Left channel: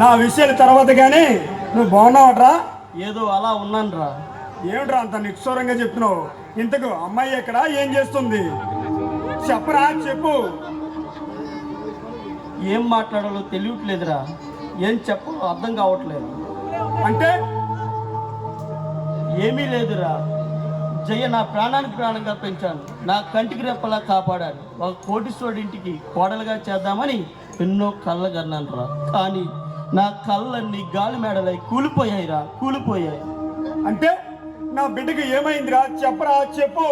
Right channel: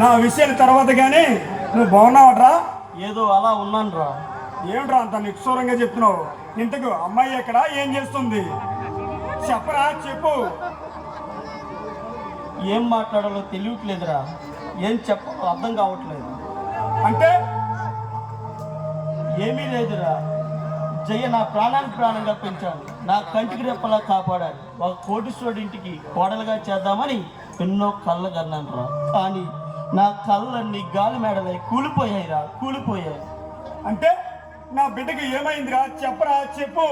నా విషయాల తర్వాత కానీ నువ్వు బాగున్నావట్రా? ఏదో అలా ఉన్నాను రా. ఏమిట్రా అంత నిక్షోరంగా చెప్తున్నావు? ఇంతకు అమ్మాయి ఎక్కడ, ఏం చేస్తుంది? చెప్పరా, చెప్పు. ఏం మాట్లాడాలో తెలియట్లేదురా. ఏం చెప్పాలో అర్థం కావట్లేదు. అంటే ఏమీ లేదురా. జయ నా ప్రాణానికి ప్రాణంగా పెంచాను, నా కంటికి రెప్పలా కాపాడాడు. ఒక కోటీశ్వరుడి ఇంటికి కోడలుగా చేద్దామని ఎన్నో కళ్ళ కన్నాను రా. కానీ నా కళ్ళన్నీ గాలి మేడలై కూలిపోయాయిరా, కూలిపోయాయి. అంటే నా బిడ్డకి ఏమైందిరా? చెప్పరా, చెప్పు.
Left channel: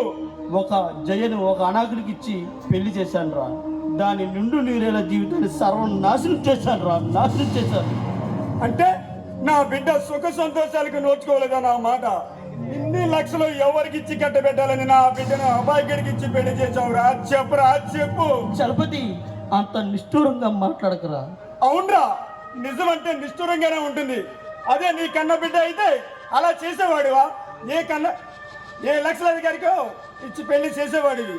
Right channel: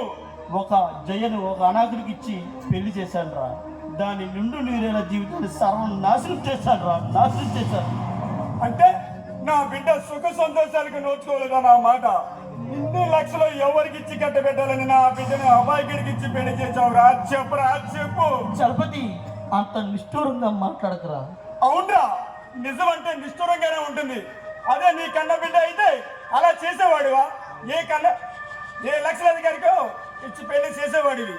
ఒక జయను ఒక అనాథుడికి ఇచ్చి పెళ్లి చేశాను రా. దాని నిండు నీరేల జీవితాన్ని సర్వం నాశనం చేశాను రా, నాశనం చేశాను. అంటే నా బిడ్డ సుఖ సంతోషాలకు నోచుకోలేదా నా మాట? ఇన్ని లక్షలు ఎవరికి ఇచ్చి కట్టబెట్టాలని నా బిడ్డను అబ్బాయికి ఇచ్చి పెళ్లి చేసావురా? చెప్పరా, చెప్పు. చలపతి, అంత నిష్ఠూరంగా మాట్లాడకరా. అవునరా, నిజం అంటే నిష్ఠూరంగానే ఉంటుంది. అదే నీ కన్న బిడ్డ అయితే అలా చేసేవాడివా? ఏ లక్షల అధికారికో ఇచ్చి పెళ్లి చేసేవాడివి.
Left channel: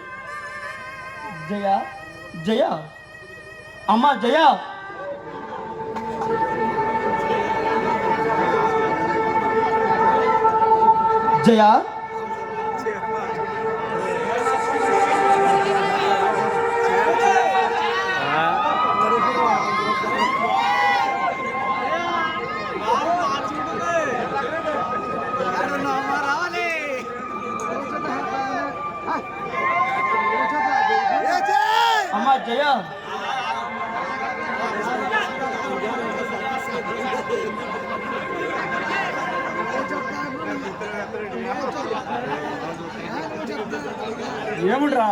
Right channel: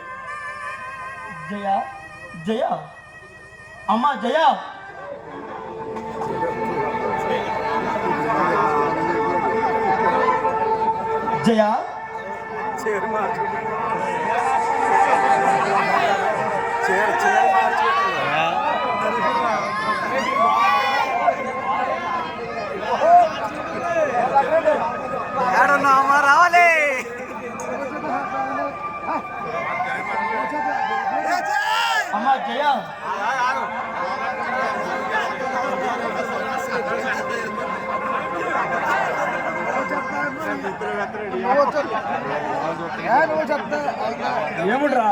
జయ, జయ, అమ్మా జయ. జయ, రావాలి. అమ్మా జయ. ఏముడ్రా?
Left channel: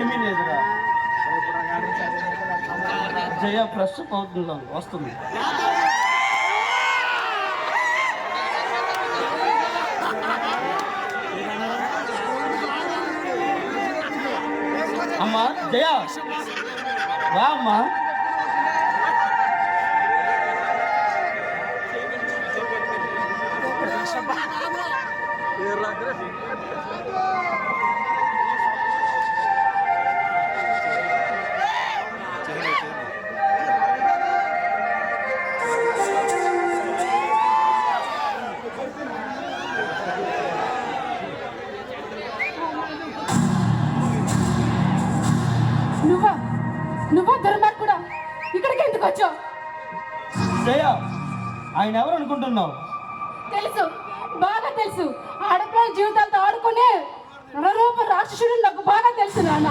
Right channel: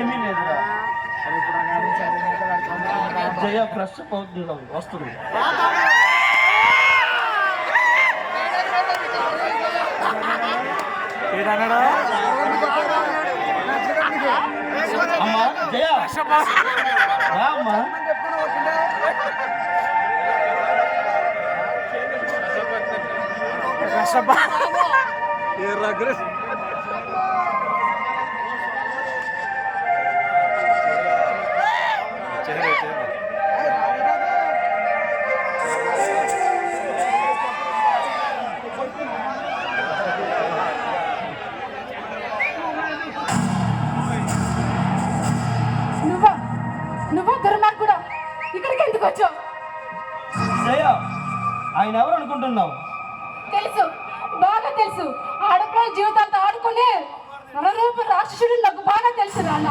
ఏమీ లేదురా. జయ ఫ్రెష్ అప్ అవుతుందా, వస్తుంది. అమ్మా జయ, రా అమ్మా. నువ్వు దుర్మార్గుడా, ఇక్కడికి ఎందుకు వచ్చావు? జయ, ఆయన ఎవరు అనుకుంటున్నావు? తెలుసు, బాగా తెలుసు. ఆడపిల్లల జీవితాలతో ఆడుకునే నరరూప రాక్షసుడు నాకు బాగా తెలుసు నాన్న.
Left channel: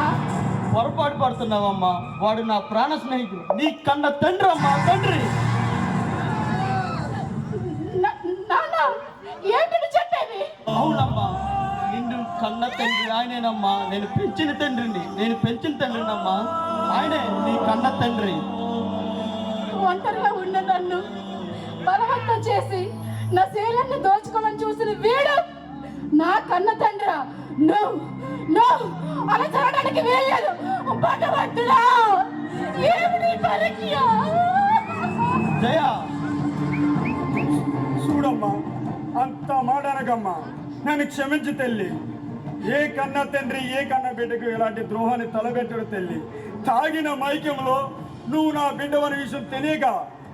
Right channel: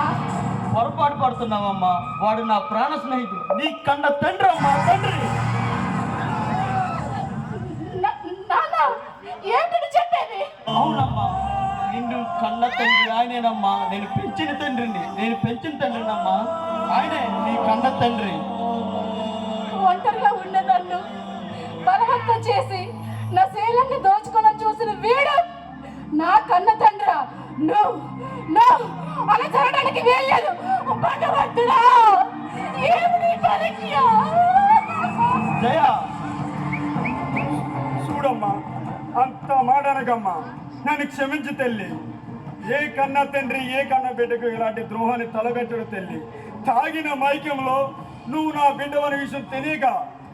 పొరపాటు పడుతున్నావమ్మా. వాడు నా ప్రాణ స్నేహితుడు, నీ కన్న తండ్రి అమ్మా, తండ్రి. నాన్న, ఏంటి చెప్పేది? అవునమ్మా, నిన్ను కన్న తండ్రి ఆయనేనమ్మా. నేను పెంచిన తండ్రినమ్మా. ఆయనే నీ కన్న తండ్రి. ఒంటరిగా ఉన్న నన్ను బలవంతం చేసి నా శీలాన్ని దోచుకోవాలని చూసిన వీడు నా కన్న తండ్రి. అలా జరగడానికి వీల్లేదు. భగవంతుడా, ఏమిటి పరీక్ష? జయ, చూడమ్మా, అంత మాటనకమ్మా. నన్ను క్షమించి తల్లి. ఏ కన్న తండ్రి ఏ కన్న బిడ్డకు ఇలాంటి ద్రోహాన్ని తలగట్టుడు తల్లి. తాగిన మైకంలో నువ్వు నా బిడ్డవని విషయం తెలియక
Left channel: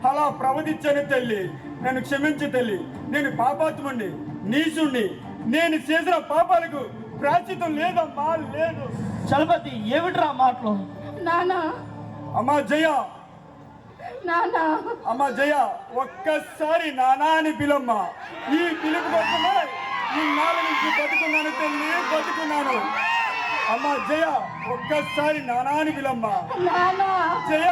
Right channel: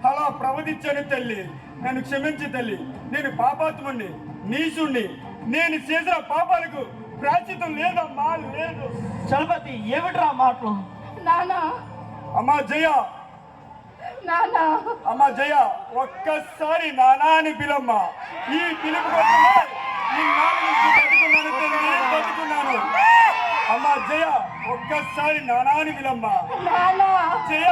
అలా ప్రవర్తించాను తల్లి. నన్ను క్షమించి తల్లి. నేను పాపాత్ముణ్ణి, నీచుణ్ణి. నేను చేసిన పాపాలకు ప్రాశ్చితం లేదమ్మా, లేదు. చలపతి, ఏమిట్రా మాటలు? నానా, అమ్మా జయ, నానా, అమ్మా జయ, ఒక్కసారి నానా అని పిలమ్మా. ఈ పిలుపు కోసమే ఈ నాలుగు నుంచి బతుకున్నాను తల్లి, బతుకున్నాను. అమ్మా జయ, ఒక్కసారి నానా అని పిలమ్మా. నానా, జయ.